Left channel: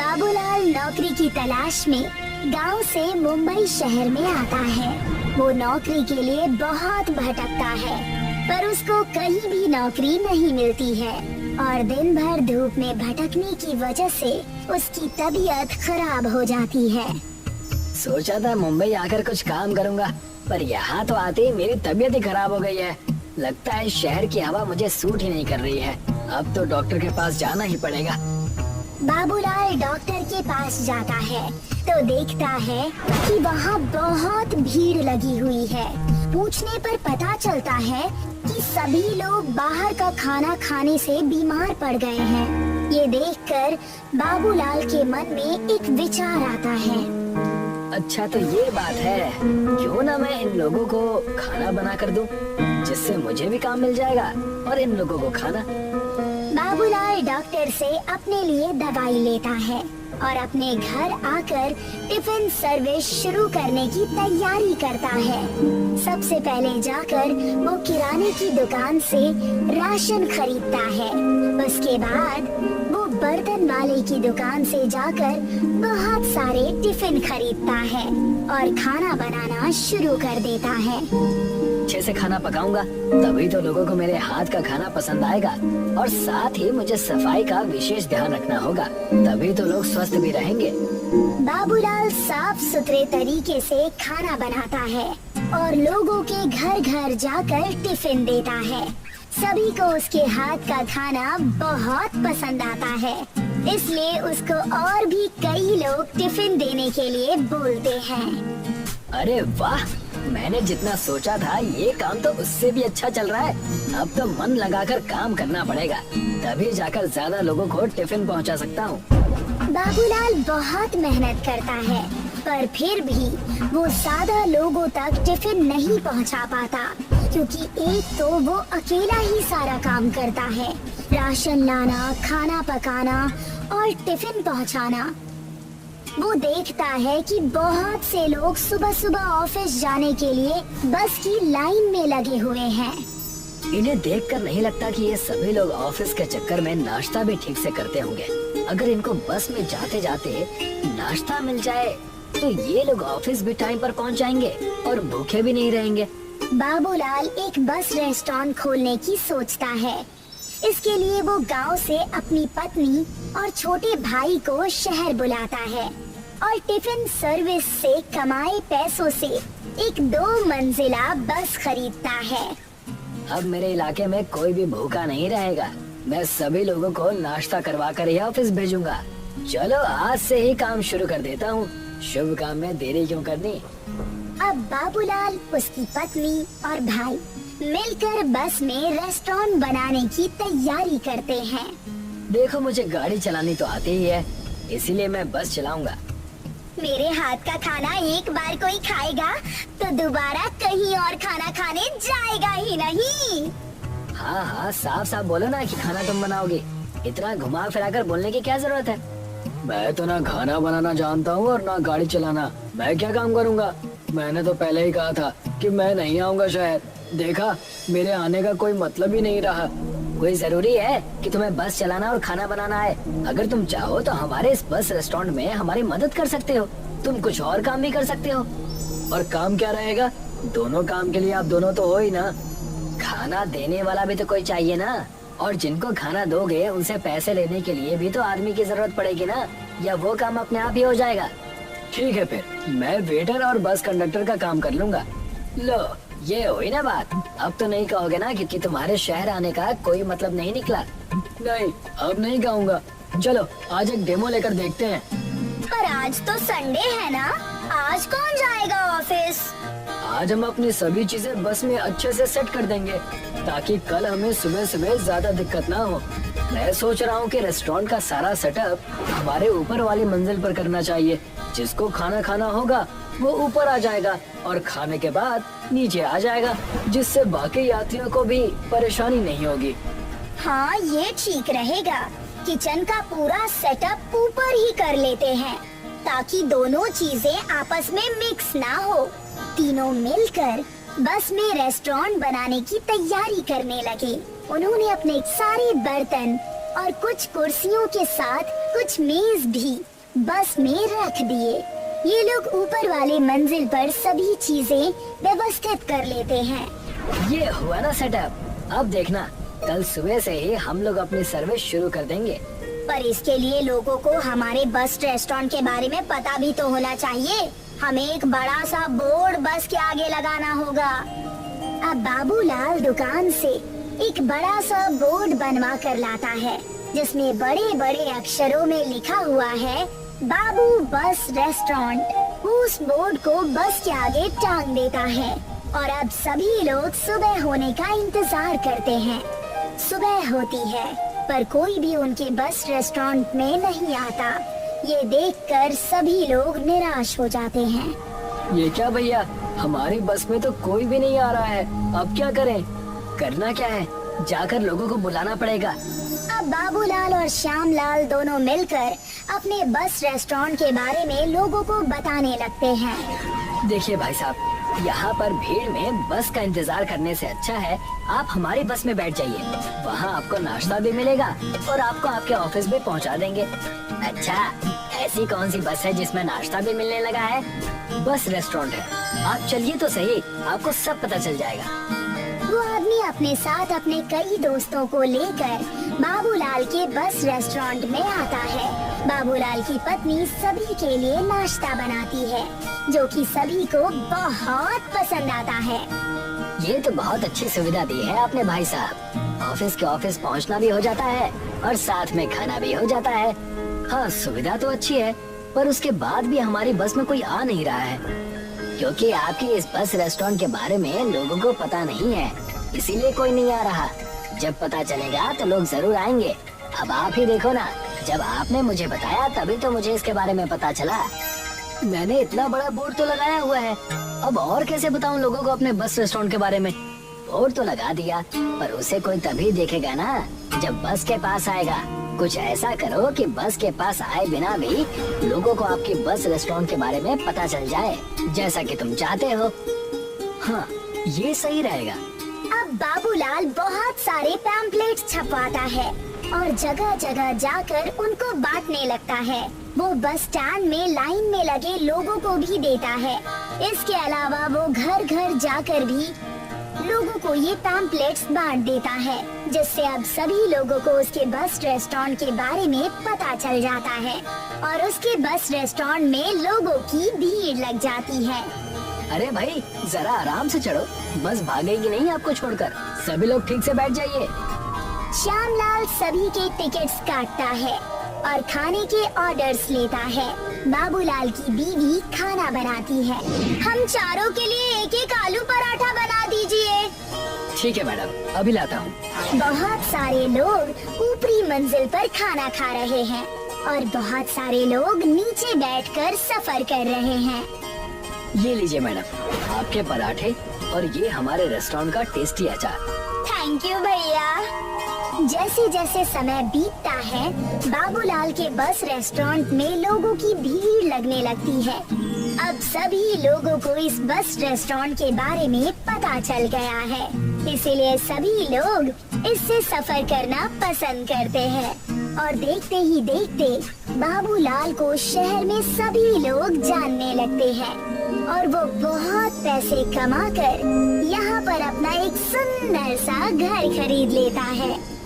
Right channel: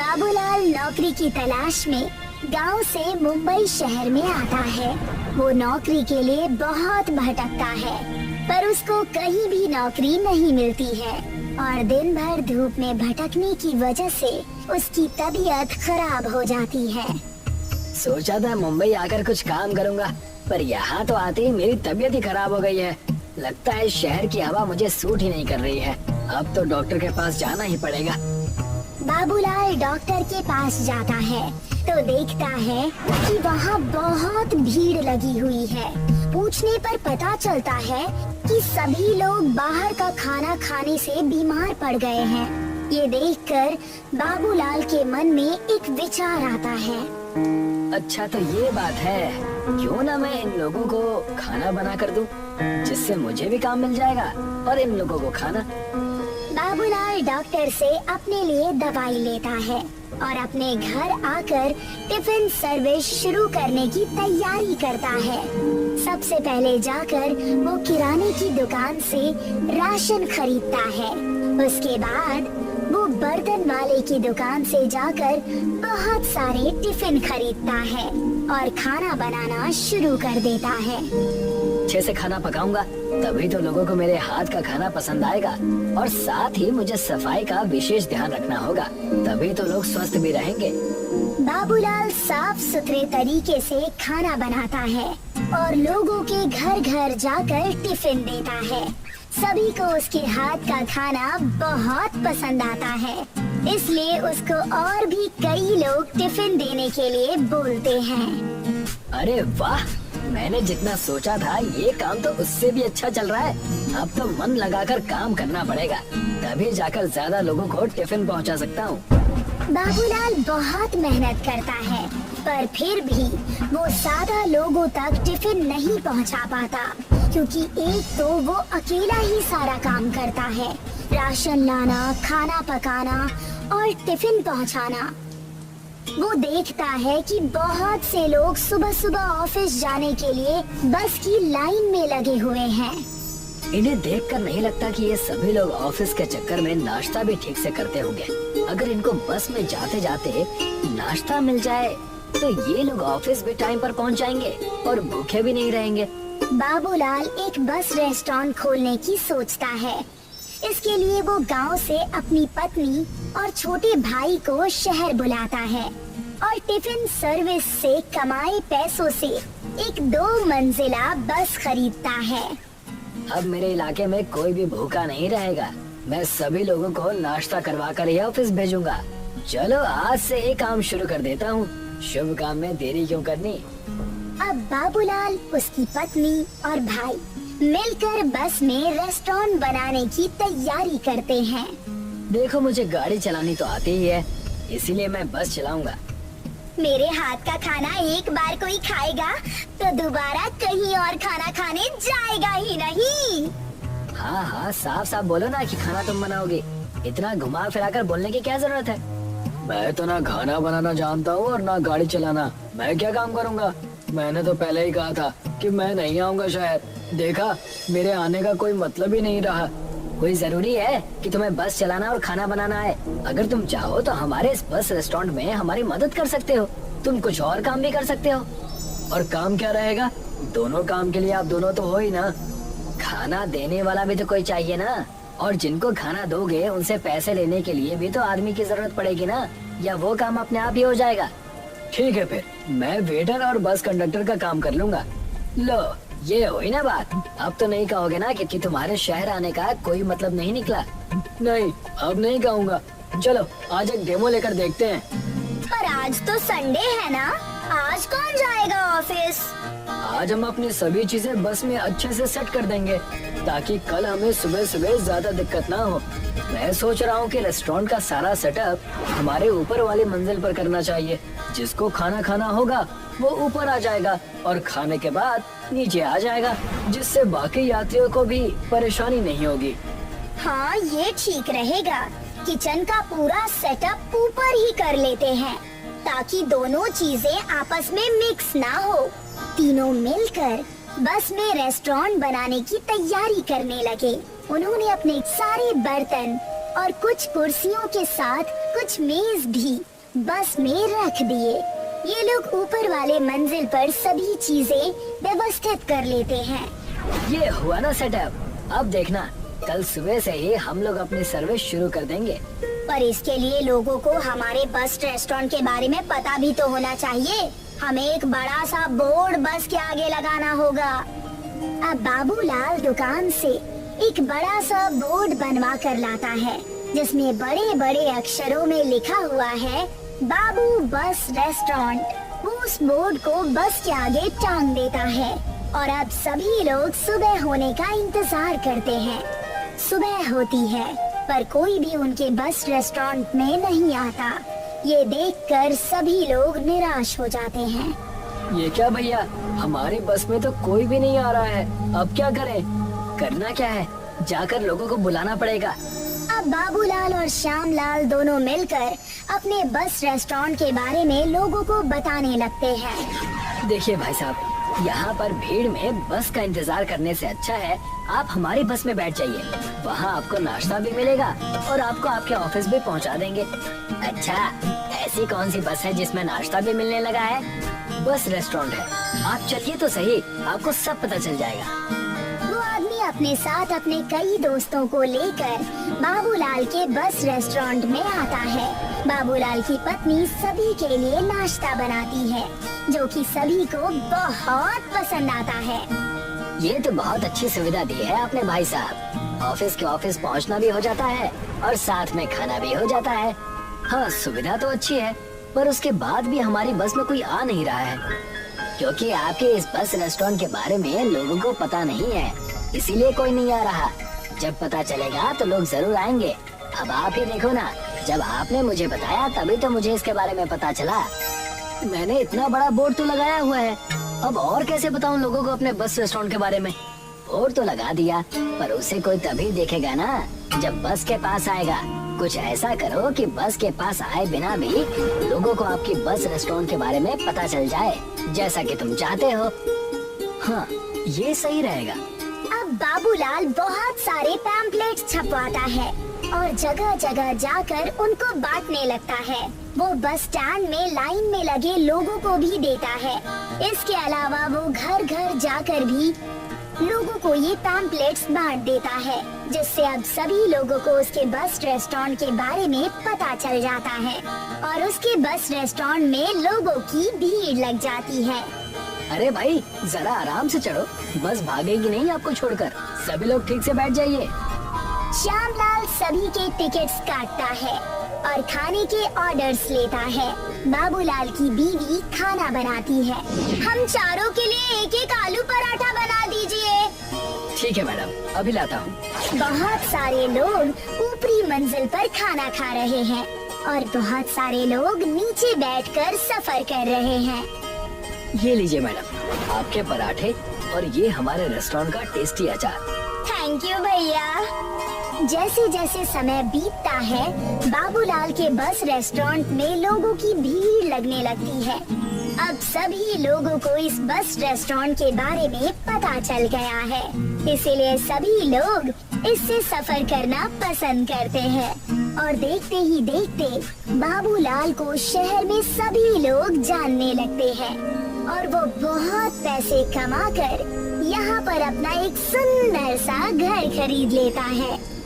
बाबूलाल नौकरी की तलाश में गांव से मुंबई शहर में आता है। वो नौकरी के लिए बहुत भटकता है, पर उसको कहीं भी नौकरी नहीं मिलती है और दिन भर धूप में भटकने की वजह से उसकी तबीयत खराब हो जाती है। सोचा था मुंबई आकर कुछ काम करूंगा, पर यहाँ तो आते ही मेरी तबीयत ही खराब हो गई है। लगता है शहर की हवा मुझे सूट ही नहीं कर रही है। अब तो डॉक्टर के पास जाना ही पड़ेगा। बाबूलाल डॉक्टर के पास जाता है तो देखता है कि वहाँ बहुत भीड़ लगी हुई है। पूछने पर पता चलता है कि सभी लोग बाहर का खाना खाने से बीमार पड़ गए हैं। ये देखकर बाबूलाल के मन में एक विचार आता है। अच्छा तो ये बात है, क्यों ना मैं इन लोगों को खाना बना कर दूं, जिससे मुझे भी काम मिल जाएगा और इन लोगों को खाना। बाबूलाल डॉक्टर से अपने लिए दवाई लेता है और अपने घर आकर टिफिन सर्विस शुरू करने की तैयारी करता है। सबसे पहले जाकर वो किराने की दुकान से राशन खरीदता है। उसके बाद वो बर्तन वाले की दुकान से जाकर बहुत सारे टिफिन खरीदता है और खाना बनाना शुरू कर देता है। अच्छे से खाना पकाऊंगा तभी तो लोगों को मेरे हाथ का खाना पसंद आएगा, और साथ ही मुझे सफाई का विशेष ध्यान रखना होगा, तभी तो लोग स्वस्थ भी रहेंगे। बाबूलाल साफ सुथरे तरीके से खाना बनाता है और लोगों के घर घर जाकर टिफिन देता है। सभी को उसके हाथ का खाना बहुत पसंद आता है, इसलिए उसको और भी कई लोग टिफिन देने के लिए बोलते हैं। अरे वाह, मैंने जितना सोचा था ये काम तो उससे भी अच्छा चल रहा है। अब तो मन लगाकर काम करना पड़ेगा, तभी जाकर ज्यादा लोगों को टिफिन पहुंचा सकता हूँ। बाबूलाल बहुत मेहनत करता है, पर फिर भी वो ज्यादा लोगों तक टिफिन नहीं पहुंचा पाता, क्योंकि एक तो वो अकेला ही सारा काम करता है, राशन लाना, खाना पकाना और टिफिन पहुंचाना। वो देखता है कि बहुत से लोग सुबह सुबह ऑफिस जाने के लिए बस की लाइन में लगे हुए हैं। इन्हें देखकर नहीं लगता कि ये सभी लोग ऑफिस के चक्कर में नाश्ता भी ठीक से करते होंगे। अगर इनको बस में जाते जाते नाश्ता मिल जाए तो ये लोग ऑफिस भी टाइम पर पहुंच जाएंगे और भूखे भी नहीं रहेंगे। बाबूलाल एक बस रेस्टोरेंट खोलने की सोचता है। इसके लिए वो गांव से अपनी पत्नी और छोटे भाई को शहर बुलाता है और टिफिन सर्विस से कमाए पैसों से एक 2 मंजिला बस खरीदता है। अब मेरे इलाके में कोई भी भूखा नहीं रहेगा। मैं सभी लोगों को नाश्ता करवा कर ही ऑफिस भेजूंगा। चलो आज से ही काम शुरू कर देता हूँ। शुभ काम में देरी क्यों करनी। अब बाबूलाल, उसकी पत्नी और भाई मिलकर बस में रेस्टोरेंट बनाने की तैयारी करते हैं। देखो मुझे गाड़ी चलानी तो आती ही है, इसीलिए मैं बस चलाऊंगा। मेरे हाथ का खाना एक बार कोई खाएगा तो दोबारा कहीं और खाना खाने जाएगा ही नहीं। हाँ हाँ, साफ साफ बोलो ना कि खाना तुम बनाओगे। इतना घुमा फिरा कर बोलने की क्या जरूरत है। मैं तो ना खाना बनाना जानता हूँ और ना गाड़ी चलाना। मैं क्या काम करूँगा। मैंने तो पहले ही कहा था कि मैं नहीं आऊँगा शहर। देखा, मेरे आने का कोई मतलब ही नहीं रहा। कोई जरूरी है कि तुम्हें बस चलाना और खाना बनाना है। अगर तुम चाहो तो हमारे इस बस रेस्टोरेंट में हमारी मदद कर सकते हो। तुम कुछ और काम भी कर सकते हो। और काम क्या रहेगा। दोनों काम के लिए आप दोनों तो हो ही ना। खाना देने वाला भी तो कोई चाहिए ना, और जिनको खाना दोगे उनसे पैसे लेने के लिए भी तो आदमी की जरूरत पड़ेगी ना, या वो काम अपने आप ही हो जाएगा। ठीक है, फिर मैं वेटर और बस कंडक्टर का काम कर लूंगा। लो, ये हुई ना बात। अब तो नहीं कहोगे ना कि तुम्हारे शहर आने का कोई मतलब नहीं निकला। नहीं, अब नहीं कहूँगा। चलो आज एक डेमो लेकर देखते हैं। पर आज तो संडे है ना, आज कौन जाएगा ऑफिस। आज हम अपनी सभी चीजें बस में अच्छे से सेट कर देंगे, ताकि कल हमें सुबह सुबह ज्यादा दिक्कत ना हो। मैं सोच रहा हूँ कि रेस्टोरेंट का सारा सेटअप हमारे ऊपर वाली मंजिल पर करना चाहिए। जिसको खाना खाना होगा वो ऊपर आ जाएगा और खाने के बाद नीचे आ जाएगा, जिससे बाकी यात्रियों को भी परेशानी नहीं होगी। हाँ, ये ठीक रहेगा। किचन का पूरा सेटअप ऊपर ही कर लेते हैं, ताकि दोनों चीजें आपस में मिक्स ना हो। तीनों मिलकर बस में रेस्टोरेंट बनाने की तैयारी करने लगे। उन्होंने अपने सारे बर्तन और कुछ कुर्सियों के साथ कुछ मेज भी बस में रख दिए। ये लोग ऊपर वाले मंजिल पर सभी चीजें व्यवस्थित कर लेते हैं। ये हुआ ना सेटअप। अब देखना, कल सुबह से ही हम लोग अपनी सर्विस शुरू कर देंगे। पर इसके लिए लोगों को हमारे बस रेस्टोरेंट के बारे में पता भी तो होना चाहिए। हमें एक बड़ा सा बोर्ड बस के आगे लगाना होगा। अब बाबूलाल दुकान से एक बड़ा सा बोर्ड बनवा कर लाता है, जिसमें बड़े बड़े अक्षरों में लिखा हुआ है बाबू बस रेस्टोरेंट। उस बोर्ड को बस के आगे टांग देता है और अब सभी लोग सुबह होने का इंतजार करते हैं। सुबह होती है पर कोई भी उनके बस रेस्टोरेंट में नहीं आता। ये देखकर सभी लोग निराश हो जाते हैं। ये क्या भैया, हमारी बस में तो कोई भी नहीं आ रहा है। अब क्या करें? करना क्या है? जाकर लोगों को बुलाना पड़ेगा। अब बाबूलाल और श्यामलाल दोनों मिलकर अपने बस रेस्टोरेंट के बारे में लोगों को बताने लगते हैं। देखिए भाई साहब, यहाँ पर भीड़ में बस का इंतजार करने से अच्छा है आप हमारी बस में बैठ जाइए। वहाँ आपको नाश्ता भी मिलेगा और आपको आपके ऑफिस भी पहुँचा देंगे। अच्छा, ऐसी कौन सी बस है जिसमें नाश्ता भी मिलने लगा है? बस रेस्टोरेंट है, आप चलिए तो सही, आपको सब पता चल जाएगा। वो आदमी अपने साथ अपने कई दोस्तों को लेकर बाबूलाल के बस रेस्टोरेंट में आता है। बाबूलाल की पत्नी सभी के लिए नाश्ता बनाती है, जो कि सभी को बहुत पसंद आता है। ये तो बहुत अच्छी सुविधा दी है आपने भाई साहब। ऑफिस के ऑफिस पहुंचना भी हो जाता है और साथ में खाना भी हो जाता है। हाँ, सुविधा तो अच्छी है, पर उसके बाद भी हमारी बस में कोई आ नहीं रहा है, क्योंकि आपके इस बस रेस्टोरेंट के बारे में लोगों को पता नहीं है, इसीलिए कोई नहीं आ रहा। जब पता चलेगा तो लोग जरूर आएंगे। अब आप ही देखो ना, जब आपने मुझे बताया तभी तो मुझे इसके बारे में पता चला। मैंने इतना बड़ा बोर्ड तो लगाया हुआ है, अब और कैसे बताऊं लोगों को अपने बस रेस्टोरेंट के बारे में? बोर्ड तो लगा दिया, पर उसे कोई तभी देखेगा ना जब बस के पास आएगा। कुछ ऐसा करो कि बस के पास आए बिना भी लोगों को आपकी बस रेस्टोरेंट के बारे में पता चल जाए, जैसा कि तुम चाहते हो। हाँ, ये सही रहेगा। अब बाबूलाल बहुत सारे पैम्पलेट्स छपवाता है और जगह जगह जाकर उनको बांटने लगता है। वो बस स्टैंड में लाइन में लगे लोगों को भी देता है। इसके अलावा वो घर घर जाकर भी लोगों को ये पैम्पलेट्स बांट देता है, जिससे अब सभी लोगों को उसके बस रेस्टोरेंट के बारे में पता चल जाता है और उसके बस रेस्टोरेंट में लोगों की भीड़ लग जाती है। अरे भाई, जरा आराम से चढ़ो, बस भागेगी नहीं आपको छोड़कर। सभी लोग ठीक से बैठ जाइए। श्यामलाल सभी के टिकट्स काटता है और खाने के ऑर्डर्स लेता है। बाबूलाल की बीवी खाना बनाती है। हम चारों के लिए एक एक आलू पराठा बना दीजिए। ठीक है मैडम, अभी लाता हूँ। बहुत सारे लोग ऊपरी मंजिल पर खाना खा रहे हैं और बहुत सारे लोग नीचे बैठकर सफर कर रहे हैं। ये लीजिए मैडम, आपके पराठे और ये हमारे रेस्टोरेंट का टेस्टी अचार। थैंक यू भैया। जैसे जैसे समय बीतता है, बाबूलाल के बस रेस्टोरेंट में लोगों की भीड़ लगने लगती है। अब सभी लोगों को इस बस रेस्टोरेंट के बारे में पता चल गया है, इसीलिए सभी लोग इससे सफर करना पसंद करते हैं और देखते ही देखते बाबूलाल को शहर में सभी लोग जानने लगते हैं और वो बहुत पैसे कमाकर यहाँ पर अपना एक सुंदर सा घर खरीद लेता है।